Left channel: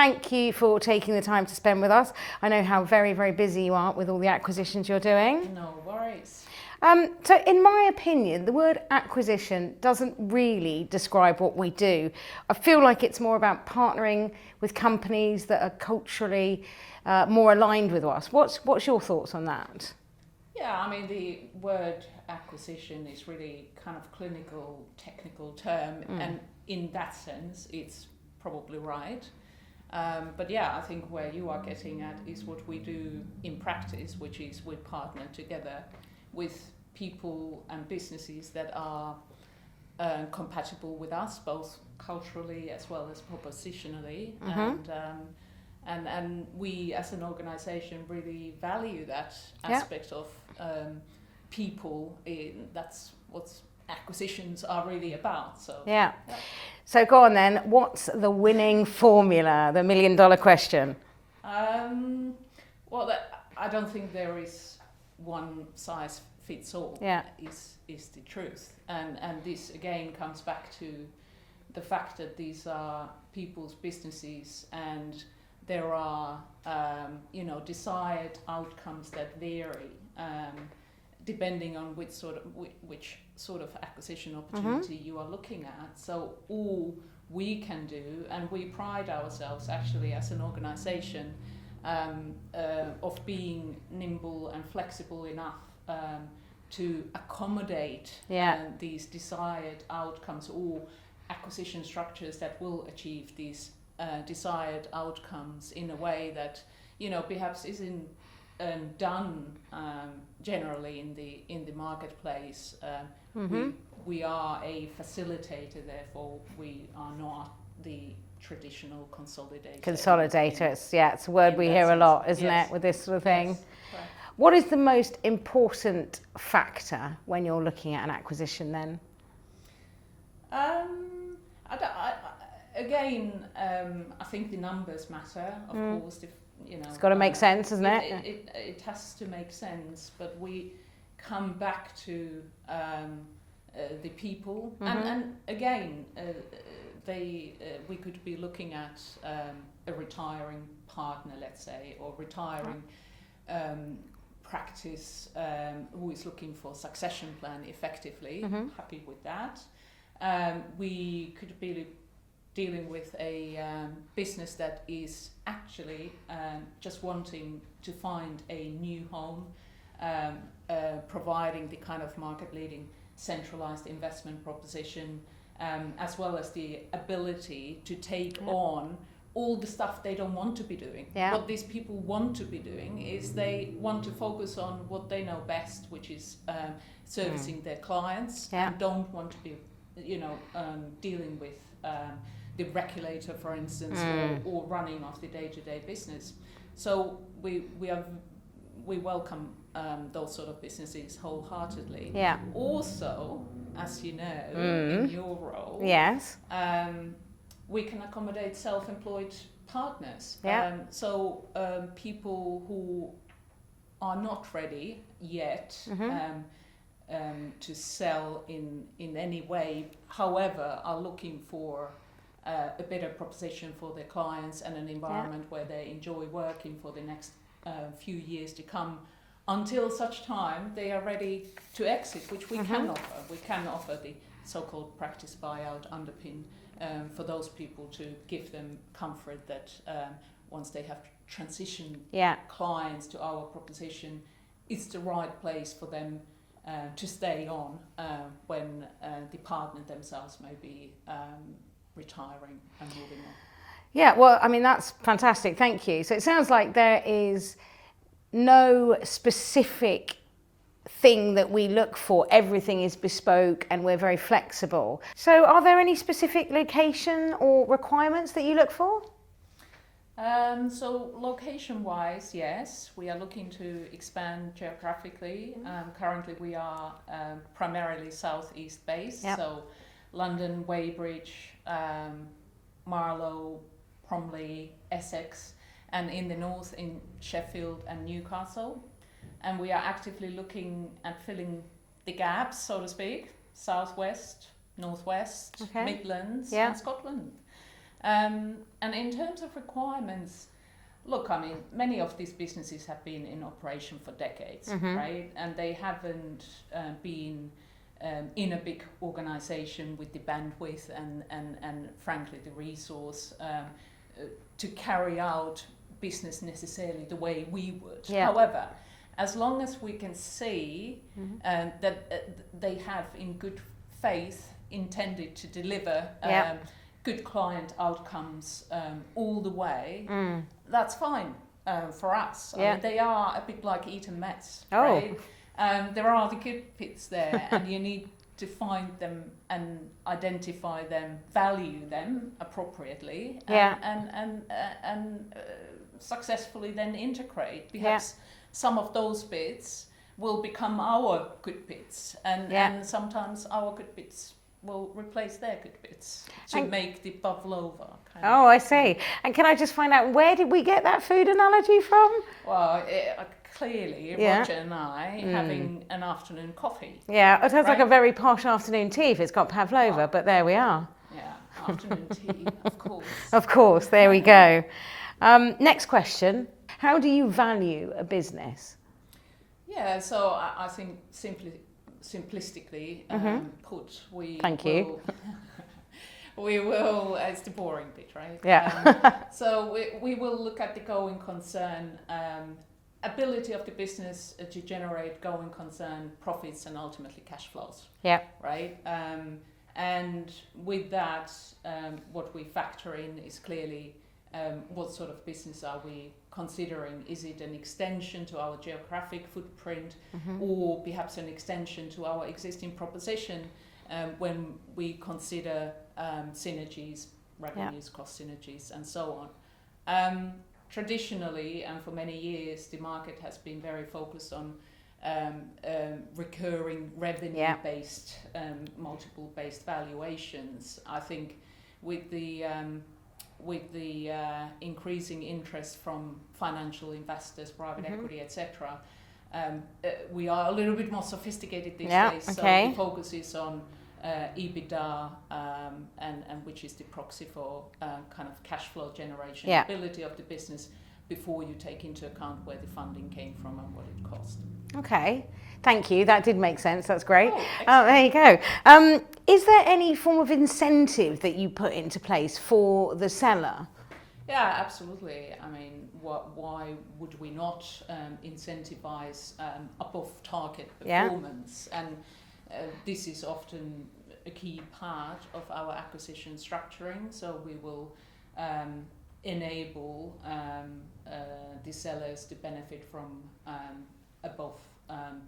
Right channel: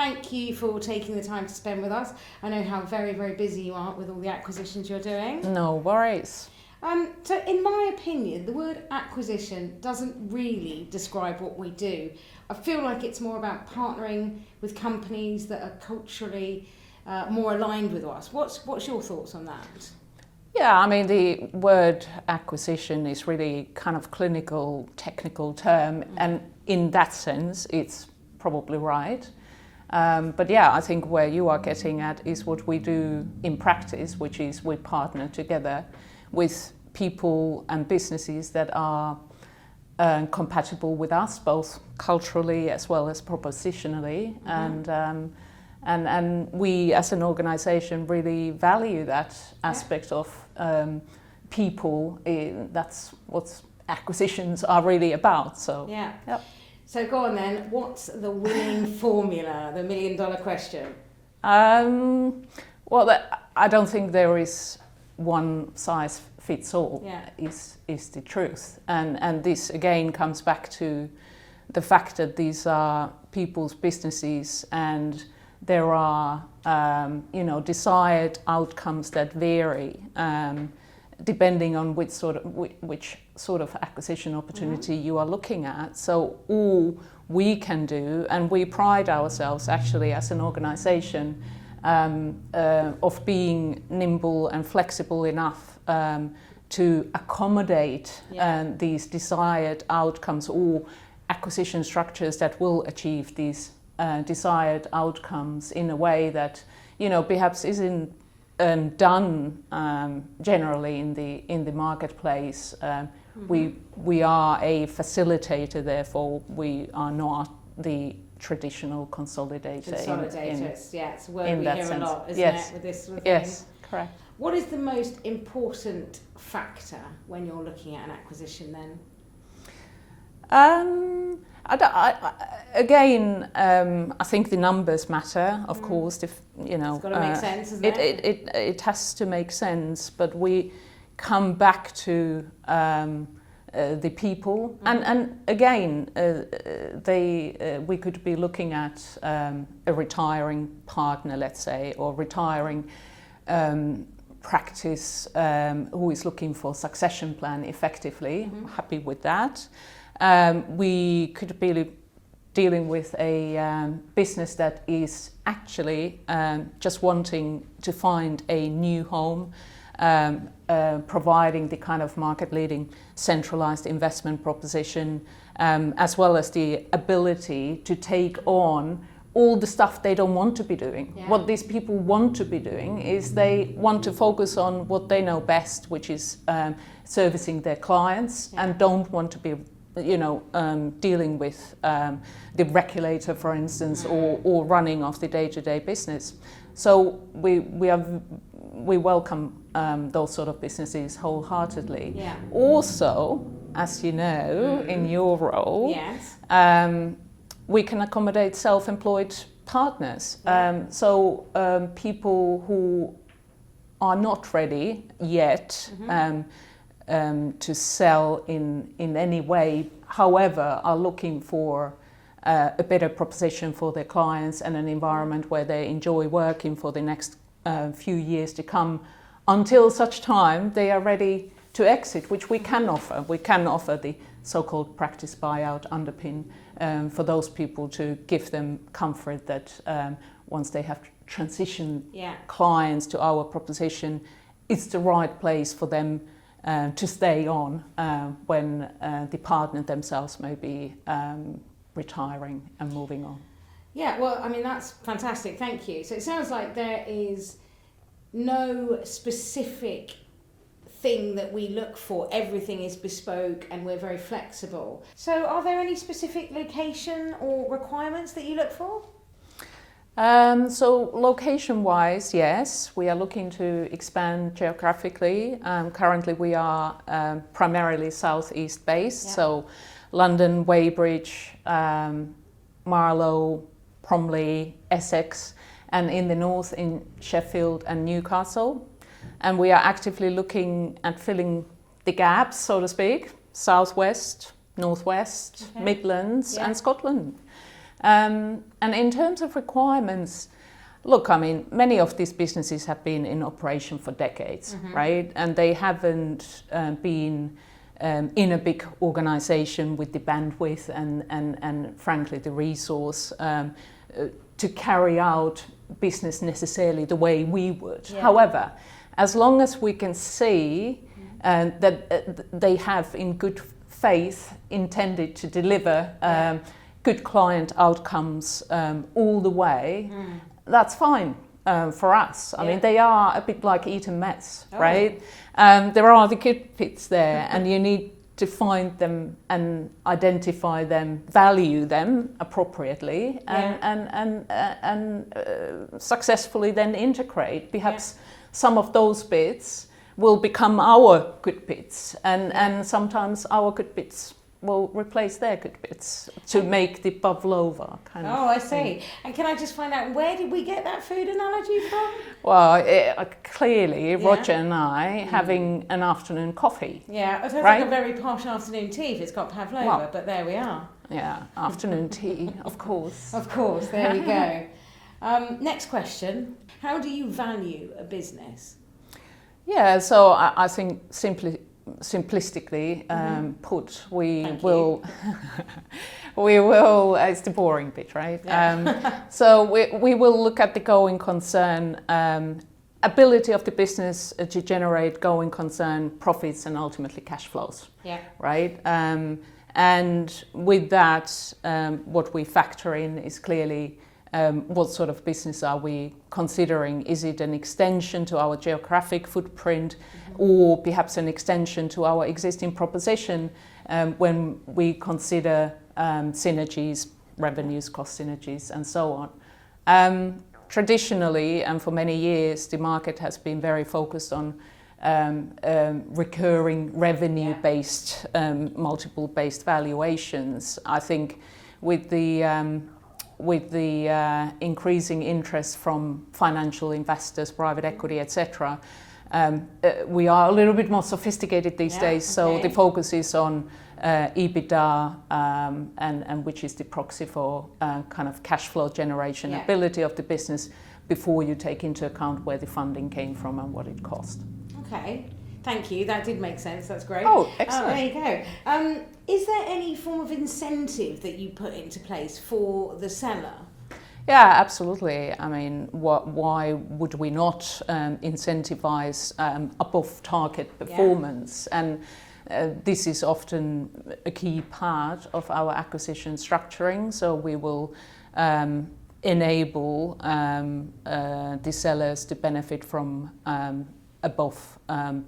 Thank you for taking the time to spend with us. I know how very, very busy you are with all the acquisitions you're doing. No worries. So in my opinion, the word acquisition doesn't really describe what we do. I feel like it's more about partnering with companies that are culturally more aligned with us. What's your thoughts on that? Yeah, I mean, the word acquisition is really kind of clinical, technical term, and in that sense, it's probably right. But yeah, I think where you are getting at is what we do in practice, which is we partner together with people and businesses that are compatible with us, both culturally as well as propositionally, and we as an organisation really value that aspect of people. That's what acquisitions are really about. So yeah. Yep. So go on then. What's the winning formula? The $1 million question. Well, I don't think there is one size fits all. Yeah. Is the truth, and this again comes back to the fact that these are people's businesses, and there are desired outcomes that vary depending on which sort of acquisition opportunity you are looking at. So all we can do, and we pride ourselves actually as an organisation of being nimble and flexible enough to accommodate these desired outcomes or acquisition structures that will achieve these desired outcomes in a way that perhaps isn't done generally in the marketplace. We are a facilitator, therefore we are not the traditional consolidator. Consolidators, yeah, it's a word we hear a lot, isn't it, with this sort of thing? Yes, correct. What is the most important factor when you're looking at an acquisition then? I think the numbers matter, of course. It's got to make sense, isn't it? It has to make sense, but we come back to the people, and again, we could be looking at a retiring partner, let's say, or retiring practice who is looking for succession plan effectively. Happy with that. We could be dealing with a business that is actually just wanting to find a new home, providing the kind of market-leading centralized investment proposition, as well as the ability to take on all the stuff they don't want to be doing. Yeah. What these people want to be doing is they want to focus on what they know best, which is servicing their clients, and don't want to be dealing with the regulator, for instance, or running of the day-to-day business. So we welcome those sort of businesses wholeheartedly. Yeah. Also, as you know, in your role, yes, we can accommodate self-employed partners. Yeah. People who are not ready yet to sell in any way, however, are looking for a better proposition for their clients and an environment where they enjoy working for the next few years to come, until such time they are ready to exit, which we can offer. We can offer the so-called practice buyout underpin for those people to give them comfort that once they have transitioned clients to our proposition, it's the right place for them to stay on when the partner themselves may be retiring and moving on. Yeah, well, I mean, that's fantastic. Thank you. So it sounds like there is no specific thing that we look for. Everything is bespoke and we're very flexible. So are there any specific location or requirements that you look for? So location-wise, yes, we are looking to expand geographically. Currently we are primarily southeast based, so London, Weybridge, Marlow, Bromley, Essex, and in the north in Sheffield and Newcastle. And we are actively looking at filling the gaps, so to speak, southwest, northwest, Midlands and Scotland. And in terms of requirements, look, I mean, many of these businesses have been in operation for decades, right? And they haven't been in a big organization with the bandwidth and frankly the resource to carry out business necessarily the way we would. Yeah. However, as long as we can see that they have in good faith intended to deliver good client outcomes all the way, that's fine for us. I mean, they are a bit like Eton Mets, right? There are the good bits there, and you need to find them and identify them, value them appropriately, and successfully then integrate. Perhaps some of those bits will become our good bits, and sometimes our good bits will replace their good bits to make the pavlova kind of. Oh, I see. And can I just find out, where did we get that food analogy from? Well, clearly, Roger and I having an afternoon coffee. Yeah, it sounds like a very posh afternoon tea if it's got pavlova, but there we are. Yeah, afternoon tea, of course. Of course, there we go. Next question. How do you value a business? Yeah, so I think simplistically put, we will, it's the boring bit, right? Yeah. So we will look at the going concern, ability of the business to generate going concern profits and ultimately cash flows. Yeah. Right? And with that, what we factor in is clearly what sort of business are we considering? Is it an extension to our geographic footprint, or perhaps an extension to our existing proposition when we consider synergies, revenues, cost synergies, and so on? Traditionally, and for many years, the market has been very focused on recurring revenue-based, multiple-based valuations. I think with the increasing interest from financial investors, private equity, etc., we are a little bit more sophisticated these days. So the focus is on EBITDA, and which is the proxy for kind of cash flow generation, ability of the business before you take into account where the funding came from and what it cost. Okay. Thank you. That did make sense. That's great. Oh, excellent. There you go. Is there any form of incentive that you put into place for the seller? Yeah, absolutely. I mean, why would we not incentivize above target performance? And this is often a key part of our acquisition structuring. So we will enable the sellers to benefit from above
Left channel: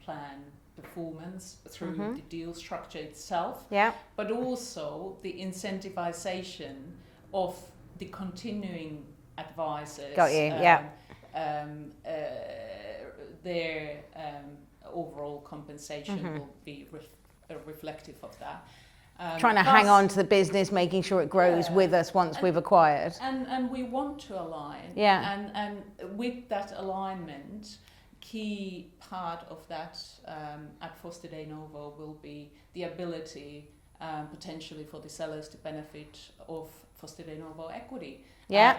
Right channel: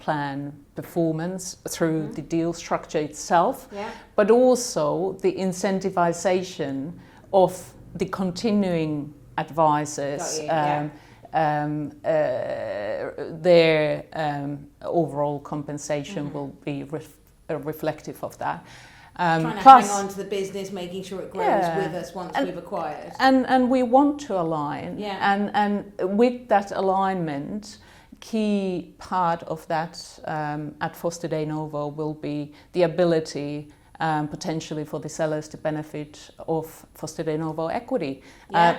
plan performance through the deal structure itself, but also the incentivization of the continuing advisors, their overall compensation will be reflective of that. Trying to hang on to the business, making sure it grows with us once we've acquired. And we want to align. And with that alignment, key part of that at Foster Denovo will be the ability potentially for the sellers to benefit of Foster Denovo equity.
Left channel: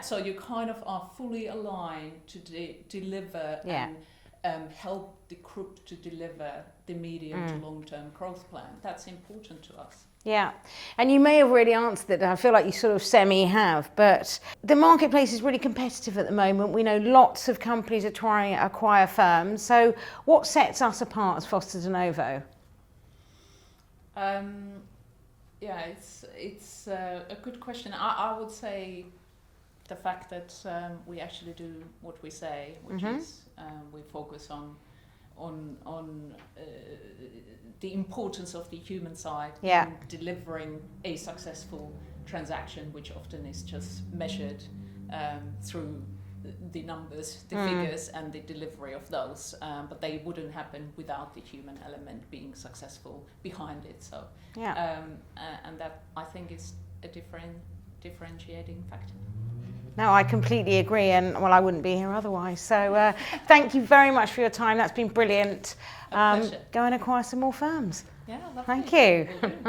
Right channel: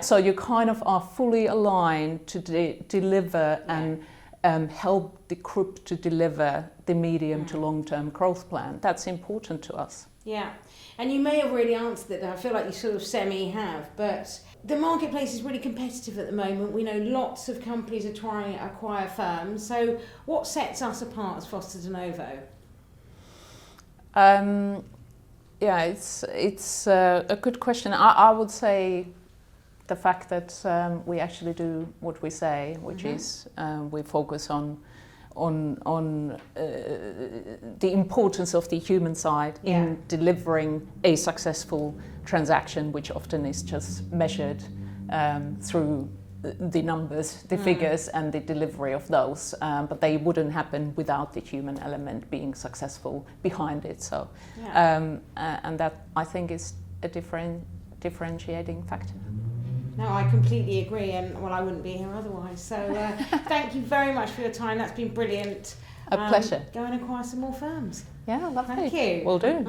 So you kind of are fully aligned to deliver and help the group to deliver the medium to long-term growth plan. That's important to us. Yeah, and you may have already answered it, I feel like you sort of semi-have, but the marketplace is really competitive at the moment. We know lots of companies are trying to acquire firms, so what sets us apart as Foster Denovo? It's a good question. I would say the fact that we actually do what we say, which is we focus on the importance of the human side in delivering a successful transaction, which often is just measured through the numbers, the figures, and the delivery of those. But they wouldn't happen without the human element being successful behind it. So, and that I think is a differentiating factor. No, I completely agree, and well, I wouldn't be here otherwise. So thank you very much for your time. That's been brilliant. A pleasure. Go and acquire some more firms. Yeah, lovely. Thank you. Will do.